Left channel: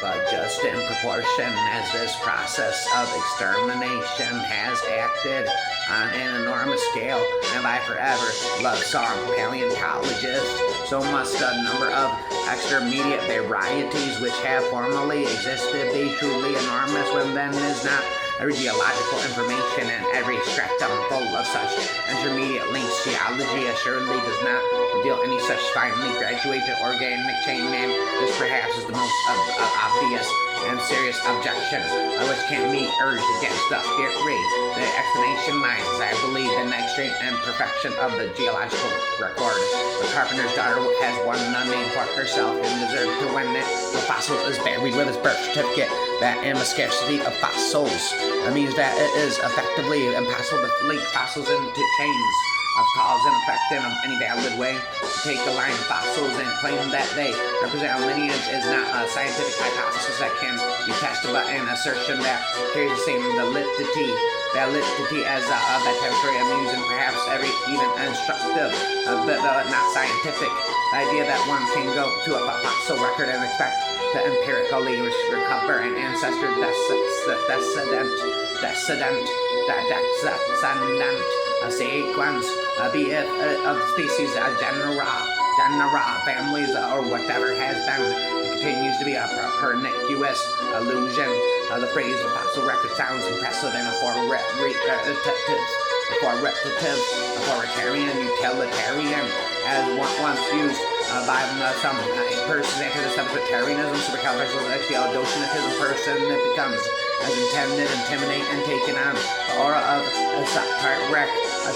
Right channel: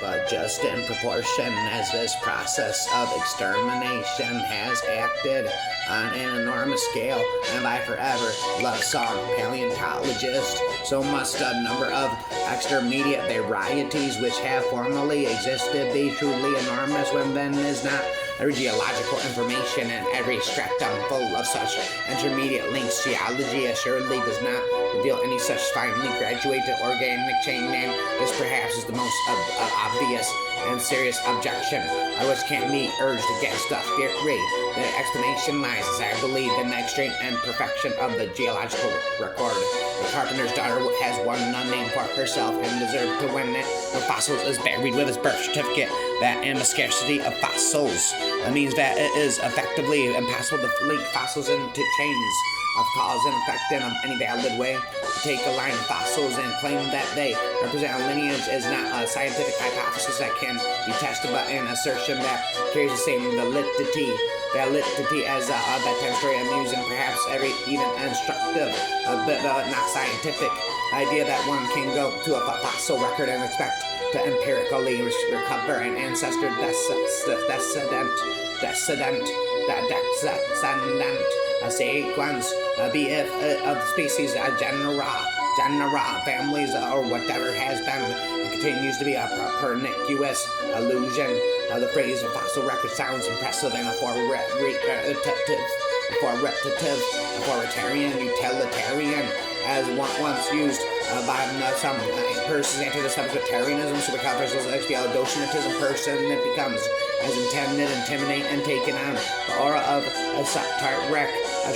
but just in proportion as this process of extermination has acted on an enormous scale and by forever love song paleontologist, so must a number of extermediate varieties which have formerly existed be truly enormous when then is not every geological information and every stratum full of such intermediate links. Geology assuredly does not reveal any such finely graduated organic chain, and this perhaps is the most obvious and serious objection which can be urged against the theory. The explanation lies, as I believe, in the extreme imperfection of the geological record. The carpenter's daughter has one name for herself and deserved to win it. The fossil is buried with his birth certificate. That and the scarcity of fossils means that it is effectively impossible to link fossils into chains of cause and effect in any valid way. To take a line of fossils and claim that they represent a lineage is not a scientific hypothesis that can be tested, but an assertion that carries the same validity as that temporary, amusing, perhaps even instructive, but not scientific. The idea that one can go to a fossil record and expect to empirically recover an ancestor descendant sequence, be it of species, genera, families, or whatever, has been and continues to be a pernicious illusion. The phrase "a fossil record" sounds impressive and authoritarian, utilitarian, as once used by some persons anti-establishmentarianism, supercalifragilistic, person it becomes as intended, intimidate, and taken on the aura of a satiric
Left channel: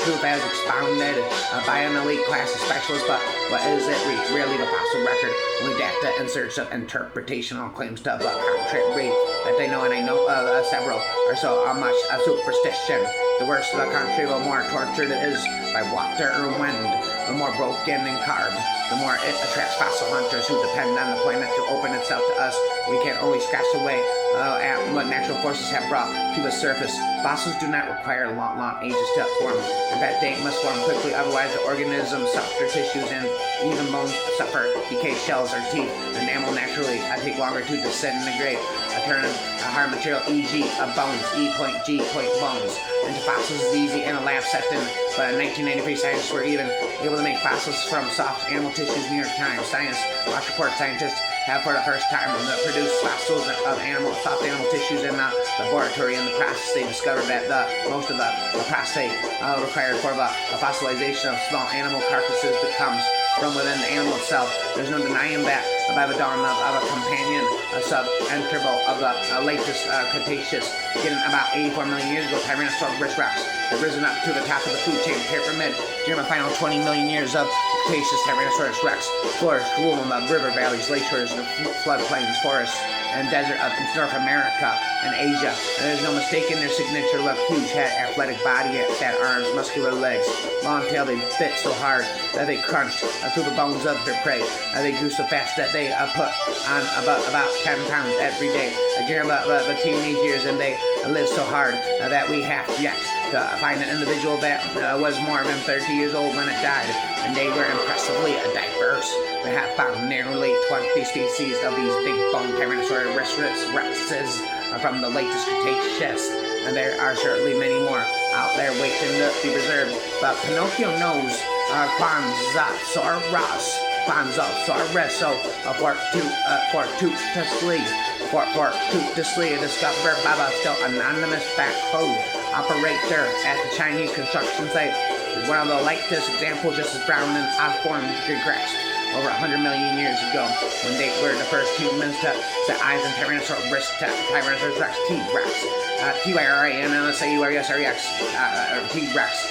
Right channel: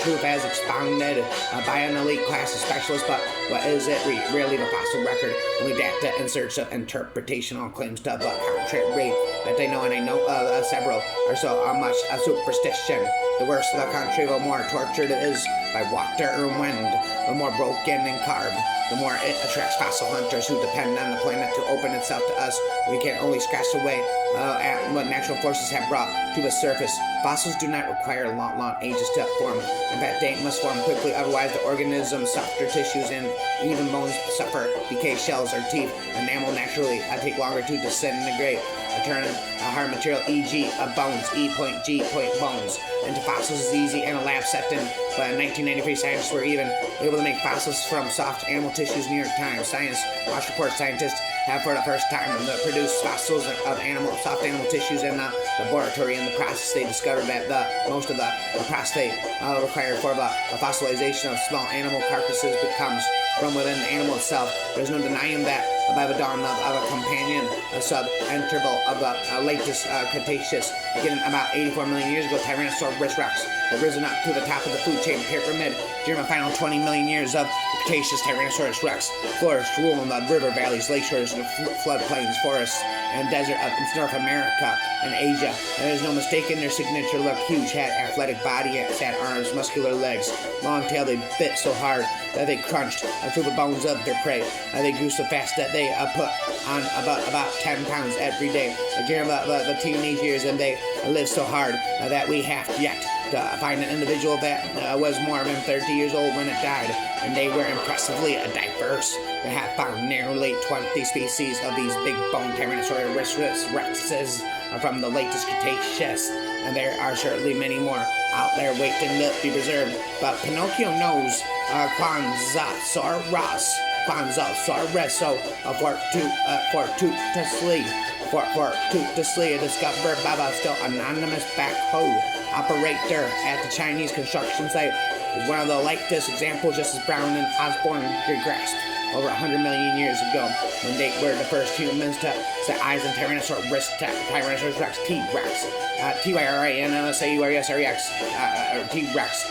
truth as expounded by an elite class of specialists. But what is it really? The fossil record? Only data in search of interpretational claims to the contrary that they know, and I know several, are so much a superstition. The worse the country, the more tortured it is by water or wind, the more broken and carved, the more it attracts fossil hunters who depend on the planet to open itself to us. We can only scratch away at what natural forces have brought to the surface. Fossils do not require long ages to form. In fact, they must form quickly, otherwise the organisms, softer tissues, and even bones suffer decay. Shells or teeth, enamel naturally take longer to disintegrate. Turn hard material, e.g. bones, E.G. bones, into fossils is easy in a lab setting. But in 1993, scientists were even able to make fossils from soft animal tissues. New York Times Science Watch report scientists have for the first time produced fossils of soft animal tissues in the laboratory. In the process, they discovered that most of the prostate required for the fossilization of small animal carcasses becomes from within the animal itself. There's no denying that by the dawn of a companion sub-interval of the latest Cretaceous, getting about 84 million years ago, Tyrannosaurus rex had risen up to the top of the food chain pyramid. During the final 20 million years of Cretaceous, Tyrannosaurus rex flourished, ruling the river valleys, lakeshores, floodplains, forests, and desert of North America and Asia. And there's no mistaking their signature look. Huge head, athletic body, fat arms, muscular legs, long tail. They bit so hard that they crunched through the bones of their prey. They grew so fast that they put on about 10 pounds every day during the teenage years, and they lived so hard that we have yet to find an individual that was more than 30 years old when it died, and they were impressively diverse. We have found nearly 20 species of these big bone Tyrannosaurus rexes from the latest Cretaceous, and there are certainly many more out there waiting to be preserved. But Pinocchio knows Quanzasaurus, so fortuitously discovered by the still anonymous backhoe operator at the Chinese construction site is one of the latest examples, just as Brown and Osborne grasped over 100 million years ago, when they were the first humans to set eyes on Tyrannosaurus rex, T-Rex, T-Y-R-A-N-O-S-A-U-R-E-S-R-E-X, T-Rex,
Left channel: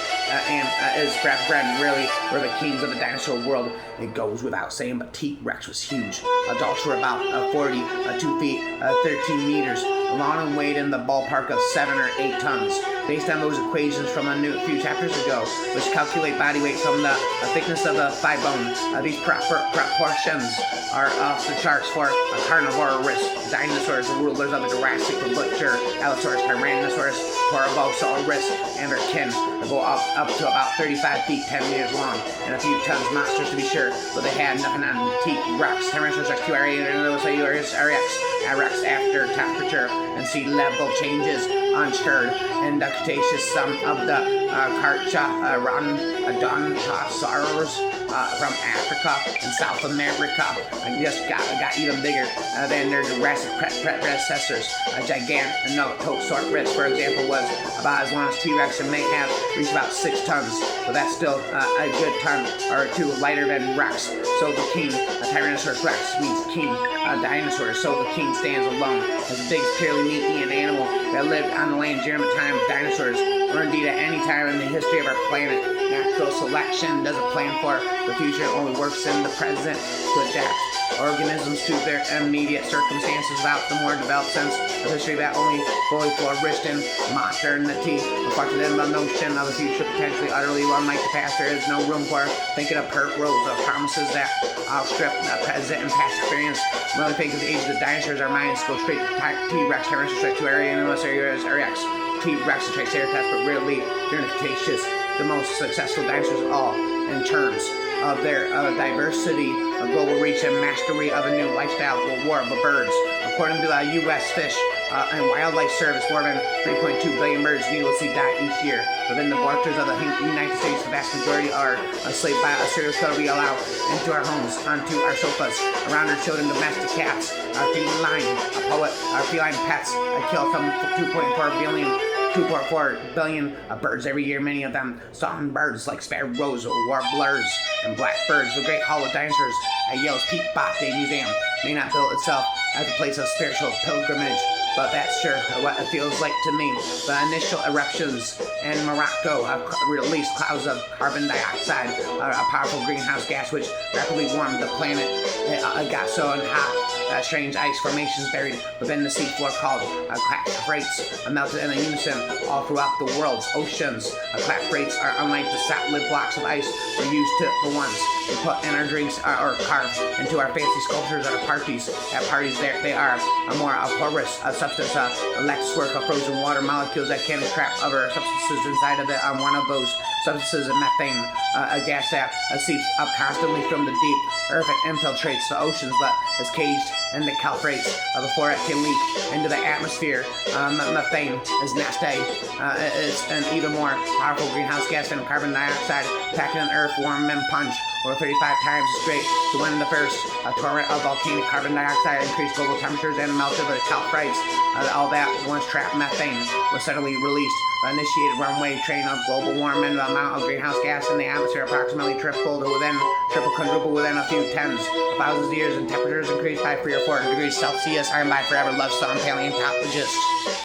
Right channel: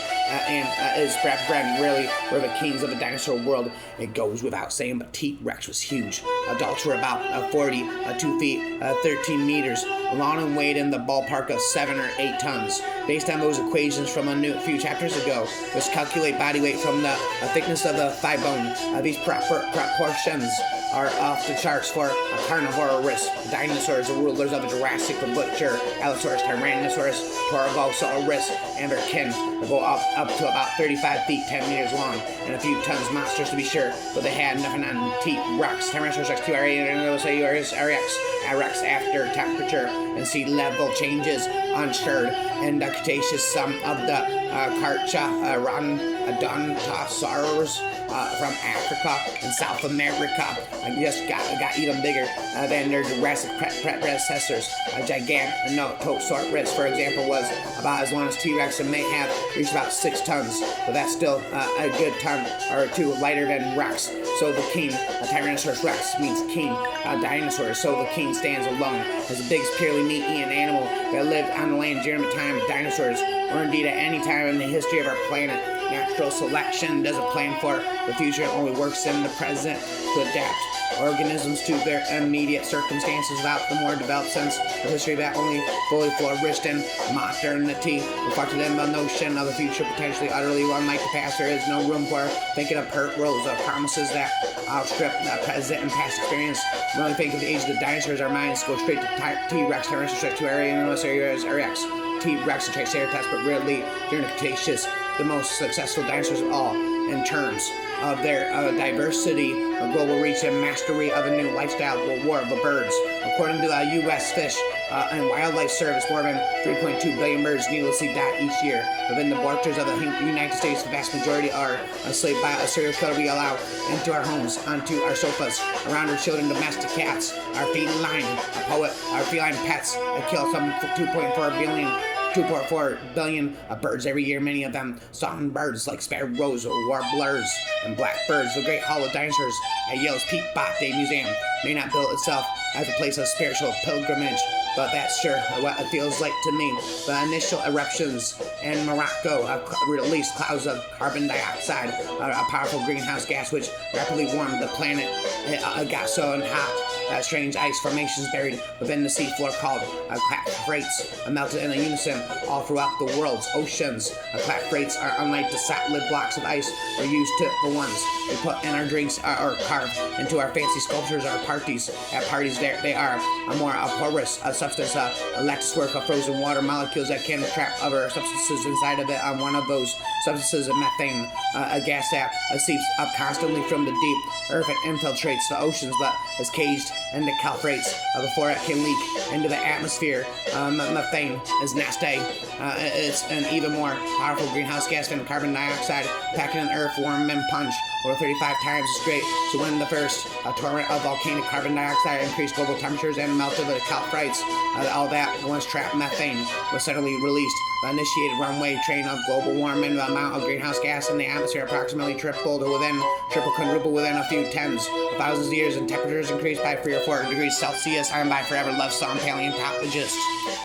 and his brethren really were the kings of the dinosaur world. It goes without saying, but T-Rex was huge. Adults were about 2 feet, 13 meters long, and weighed in the ballpark of 7 or 8 tons. based on those equations from a few chapters ago, which calculate body weight from the thickness of the thigh bone. These proportions are off the charts for carnivorous dinosaurs, the rulers of the Jurassic, the butcher, Allosaurus, Tyrannosaurus, Torobosaurus, and their kin. They go up to about 35 feet, 10 meters long, and a few tons monsters to be sure, but they had nothing on T-Rex, Tyrannosaurus Rex, T-Rex after temperature and sea level changes unstirred, and the Cretaceous, some of the Carcharodontosaurs from Africa and South America just got even bigger than their Jurassic predecessors. A Gigantophosaurus, for example, was about as long as T-Rex and may have reached about 6 tons, but that's still a good ton or two lighter than Rex. So the king, Tyrannosaurus Rex, means king dinosaur. So the king stands alone as the biggest purely meat-eating animal that lived on the land during the time of dinosaurs, or indeed at any time in the history of our planet. Natural selection doesn't plan for the future, it only works in the present to adapt organisms to their immediate circumstances without the more developed sense of history that only fully flourished in modernity. Reflected in the notion of the future potentially utterly unlike the past, there is no room for thinking of pert rows of promises that outstrip the present and past experience. When we think of the age of the dinosaurs, our minds go straight to T-Rex, Tyrannosaurus, T-Rex, T-Rex, and Triceratops, but rarely during the Cretaceous, the most successful dinosaurs of all in terms of their diversity, a global reach, and mastery of a new lifestyle, war of the birds. According to the U.S. Fish and Wildlife Service, more than 3.2 billion birds needlessly die each year. Within the borders of the United States, the vast majority are enslaved by a serial killer we allow into our homes, onto our sofas, around our children, domestic cats, our feline pets. I kill some 2.4 billion birds every year, many of them songbirds like sparrows, warblers, and blackbirds. The Great Hall of Dinosaurs at Yale's Peabody Day Museum may not build itself as a place of spiritual pilgrimage, but that's sure what it feels like to me. The initial eruptions in Morocco have released clouds of carbon dioxide, a powerful greenhouse gas which rapidly warmed the planet. It got so hot that strange ice formations buried within the seafloor called clathrates melted in unison all throughout the world's oceans. Clathrates are unlike the solid blocks of ice we're used to, the ones we put in our drinks or carve into our fancy sculptures at parties. At parties, they are a more porous substance, a lattice work of frozen water molecules that can trap other substances inside of it. One of those substances is methane, a gas that seeps up constantly from the deep earth and infiltrates the oceans, but is caged in the clathrates before it can leak into the atmosphere. Methane is nasty. It's an even more powerful greenhouse gas than carbon dioxide, packing an earth warm and punch over 35 times as great. So when the first torrent of volcanic carbon dioxide increased global temperatures and melted the clathrates, all that once trapped methane was suddenly released. The initiated runaway train of global warming, the amount of greenhouse gas in the atmosphere approximately quadrupled within a few tens of thousands of years, and temperatures increased by 3 or 4 degrees Celsius. I am by forever love song paleontologist.